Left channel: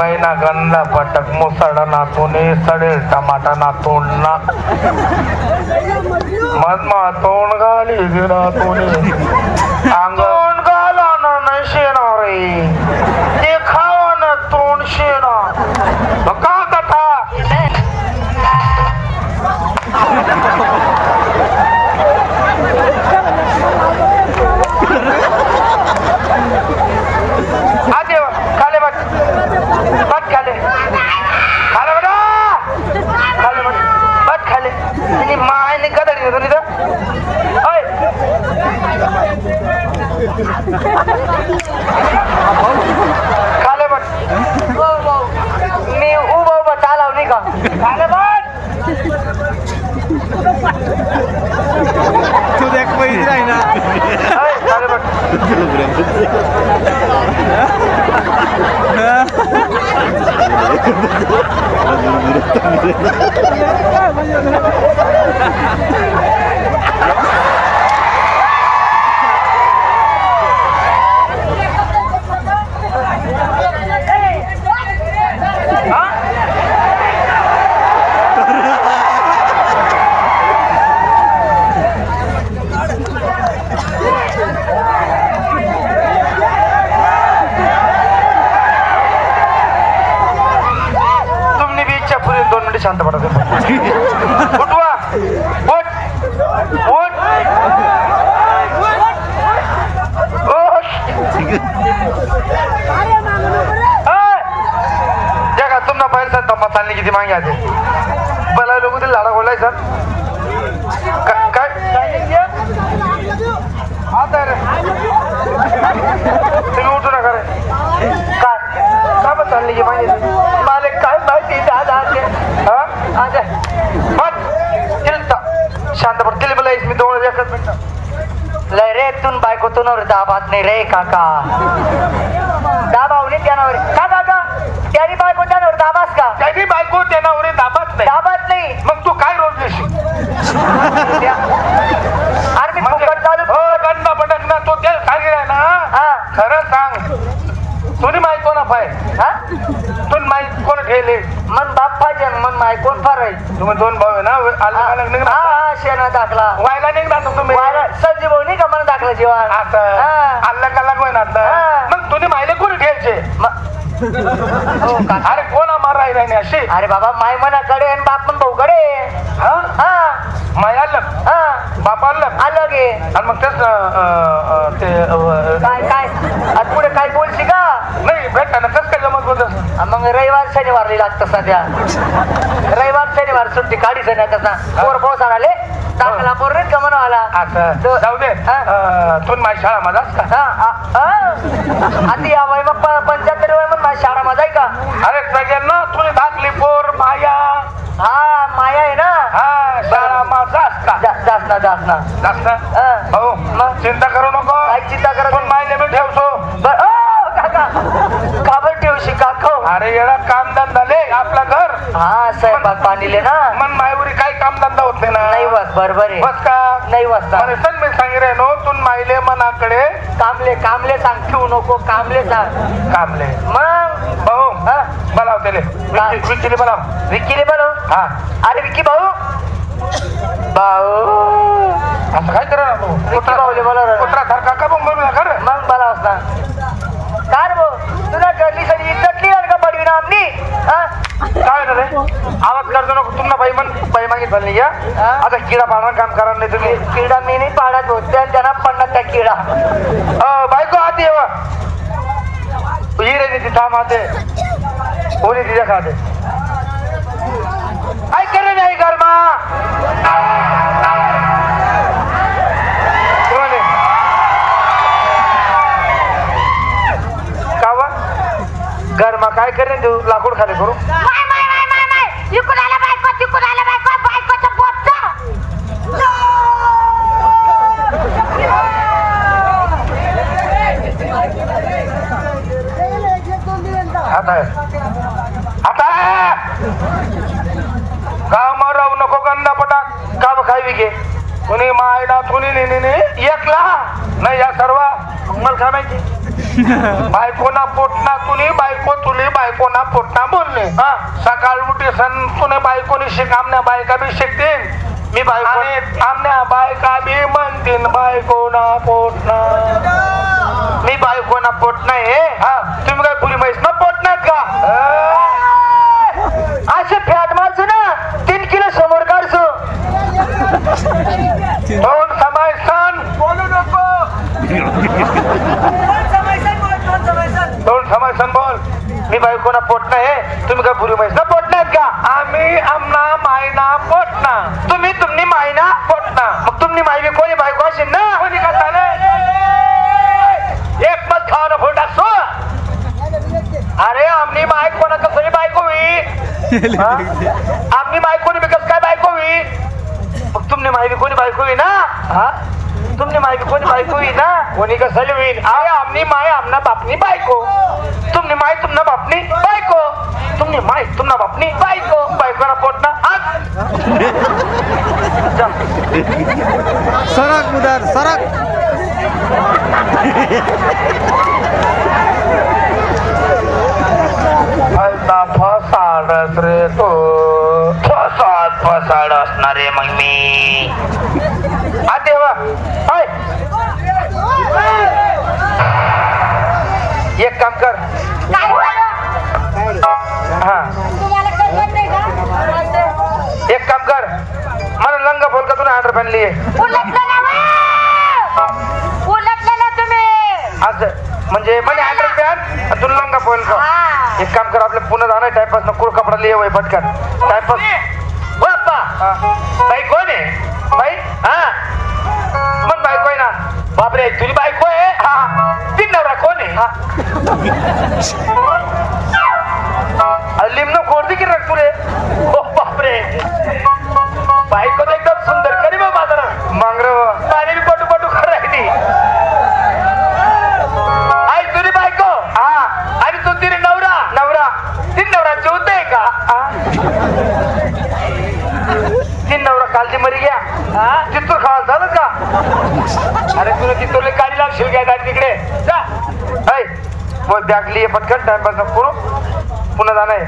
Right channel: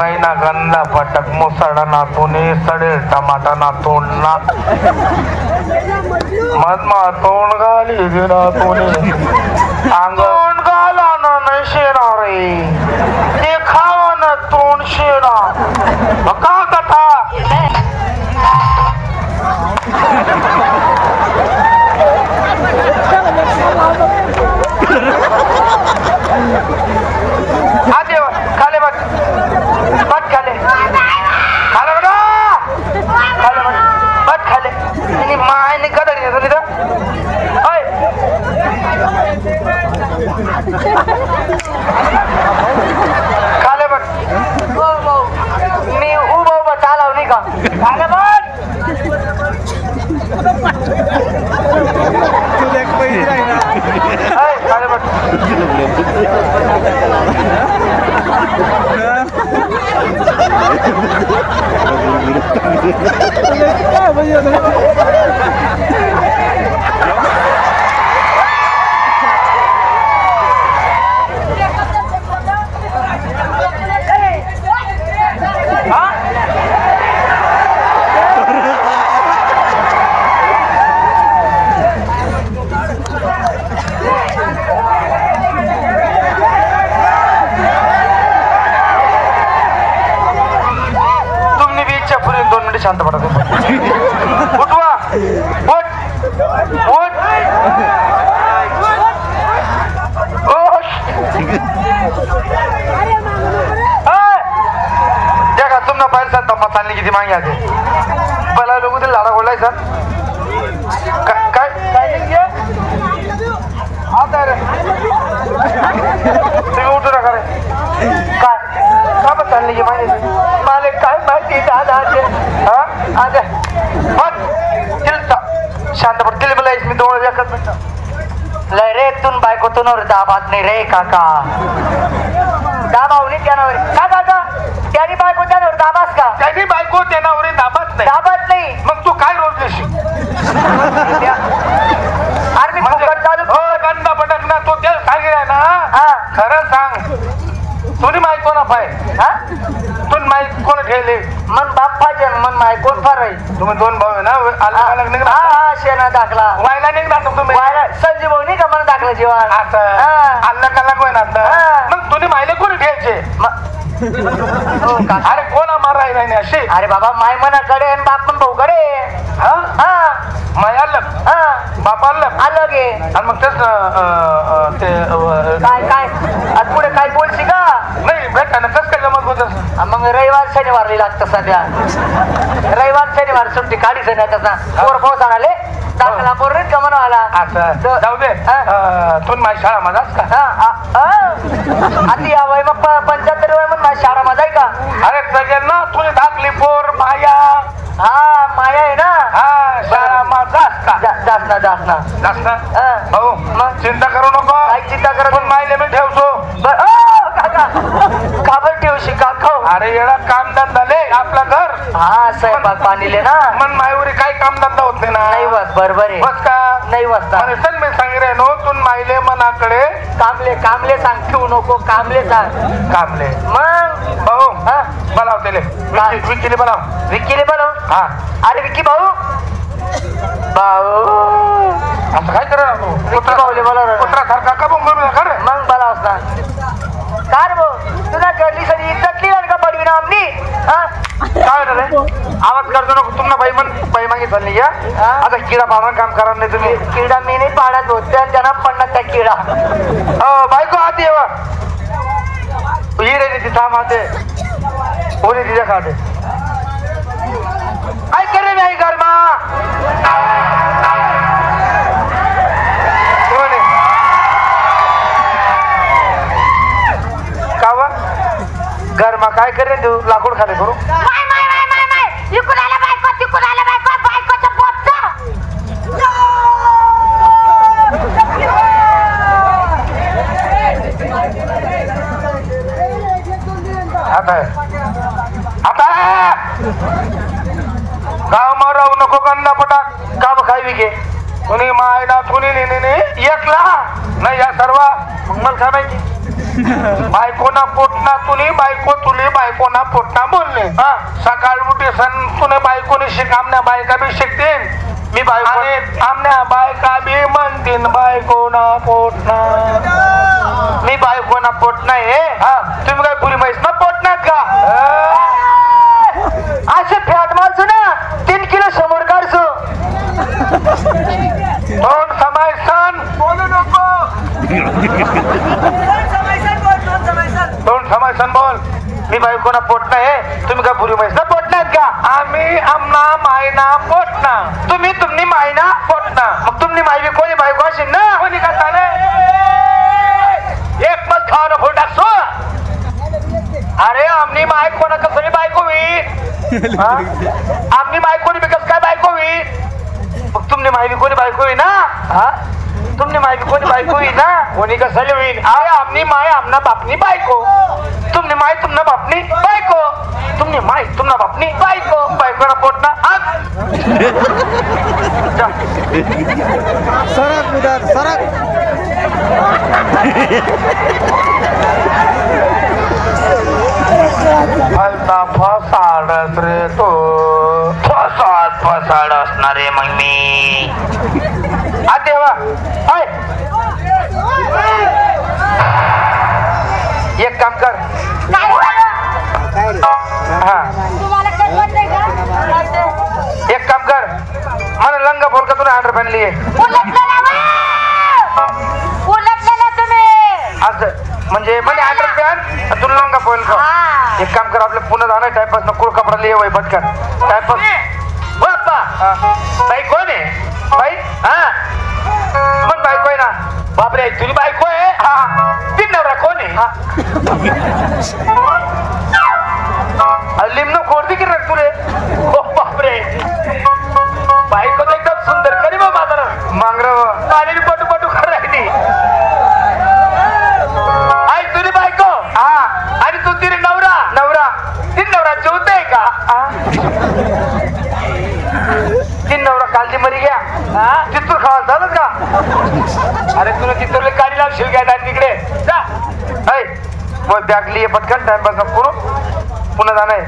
बैना गंदा पटक मुसड़ा ना तूने सड़े टमाटा ना तोड़ना मत मा तोड़ गाली दिना तूने आंगन गाला ना नहीं शेना रे देखावा ना तोड़ शेना बका कथा आजे खाले मत खाले खाले बघा खाले मत खाले आणि मायने कदर घेतो तिथं ओय खाले मत मी उभं चालव नाही का खाले मत तू देख पहिली राही ना ओय खाले मत शांत पडा उठवा उठ उठ जगा तुमना पाहिजे सर तम्मा चालली किती मागे आते पहिला लोक ते लाडा बोलाय सर काय आता रे तुम्ही उठू नका रे काय का पण चालली की मागे माले काय माहिती दादा आज मग तिलता शांत पड तिला मला मी दोन एकच मिनिट लय रे तून बायकोतून दाबात नाही रे काका दाबावली त्यानावर का दादा त्यानी बायको त्यानावर दाबास का त्यानी बायको त्यानावर दाबात नाही मग तू काय रोज देशील अरे मी फुकट चालू हो गंदा पटक ना तो त्या सांगितलं ना खरं सांग तुझी माहिती कोणा पाय हा तुन माहिती कोण ठेवले मन बाप पाहिजे मन माय कोण फार आहे तुम्ही दोन भाऊ आहे ना अलग निघणार हा शेणा दाखला वायला निघणार तुम्ही वायला संजीव भाऊ नाही का मला दाखला जेव्हा असं अलग अलग होईना मग तुझी माहिती कोणी ठेवायचे अरे कोणा मार राहिला नाही अशी अरे बाबा माय मनाकडे आणि बाप पण भाऊकडे हा माय अलग बाप अलग अलग आहे आणि मग तेच ते काय काय आणि पुढे काय बोलशी का नाही भेटा ना कसं काय जमत होत मग रविवार शनिवार लागतं सध्या रविवार शनिवार सुट्टी काढी सध्या तसा पोर पाऊस आले चांगला पोर रे कमन आला असं जाऊ दे तू माझी शाळा माझाच का आधी या वय मग 75 वय मग माझी शाळा माझा आहे का अरे सगळ्यां ना तुझी धाकली पोर माया हा माया आहे ना हा शाळा माझा का जास्त हो मग चिंता करू नको काय चिंता करत पण मायले मी ठेवतो काबर ठेवशी का खाऊ अरे येडा काम धंदा ले आपला घर हा स्वयंपाक पाणीले ना मन मायवरी काही काम धंदा होत नाही ना नाही बस बरोबर आहे बस का नाही बसता अरे सग मी सांगितलं नो तू मायले मनाकडे कामले सांग ठेवू नको कामले सांग कामले मग भाऊ हा बोलाव त्याले विकीले बोलाव हा अरे विकी भाऊ असं काय करा कुत्रा भाऊले बोलाव कुत्रा सारखा का मग म्हणून खरं मग बोलाव असता कार भाऊ तुला घरली सरी इज्जत लिहाल का बडवी ना आमनी काय रे आवाज करतो नको तुम्हाला बाई मागितलं नाही या आता किडा पाडा काम करा नाही तुम्ही किडा मी नाही पाडत होते त्यांना पडणार त्या किडा बायको आधी येवा ही रे ती थांब आते कोणी तिच्या खाते आई करे नाही गरमा कावा गरमा काय करे तू लाकूड खाले करू आता गाव माराव नको गंदा पटा काम खाई विके कोणी मायला कोणी नेने एकला नाही या सर्व मला काय माहिती बायकोना पोटना तुली बायको तुली बायकोना पोटना बोलले हा सकाळ उठी सण तुला बायकोनी शिक आमच्या बायका बी शिकतील मी बायको आमच्या बायका बी म्हणतील बायकोना पोटना मी बायकोना पोटना आहे हा तुम्ही काय पुरी म्हैस ना पोटनात का असे फॅट मारसो ना 3 किलो समोर काढसो तोंड समायसन बोलू नको तोंड समायसन बोल मी बायकोना पोटना आहे तुम्ही काय पुरी म्हैस ना पोटनात का आम्ही आमना मायना पोटना तुम्ही तुमनी मायना पोटना मग तुमनी माय बी कोणी बायको असेल ना कोणी का चाले एक मत खावाना फोन टाकसो अरे आमनी माय कोणाचं कोणी बायको होईल आमनी माय कोणी बिकस काय बायको होईल मग तुमनी माय बी कोणी बायको होईल ना हा तुमनी माय बी कोणी बायको होईल ना कोणी कसं होईल अरे आमनी माय आमना बापनी बायको तुमनी माय तुमना बापनी बायको तुमनी माय तुमना बापनी बायको बायकोना पोटना सरक उधर सरक फसाडस रे तो फसाड असणार रे मग मी देवा एक काम कर हा एक काम कर मला लंगा बोल का तुला 100 रुपये लिए असं म्हणजे म्हणे 100 रुपयात तुला लंगा बोल का एक काम कर आपलं पुन्हा जाणार टाइमपास ना कुळ कपडा लिये वय पटकन टाइमपास बाप्पा बाई कोण आहे बाई हा पण बायको आहे ना बापरे तुझी बायको आहे हा ती नवरा कोण आहे हा लिमनो कोणती की रख तुले ओ बापरे बायको तर एकदम सुंदर करी बा बाजार मांगरव पाण्याने पटू पटू करायची आई तुझी बायको हा आणि तू तिने नवरा नवरा तीन नवरा जेवत आहे का तीन नवरा कालची मरी गया चित्तूर खावा झालं का अरे तुला चित्तूरला काढी लागशील काय तिकडे जा मग बॅग लिये पटकन टाइमपास नको पुन्हा जाणार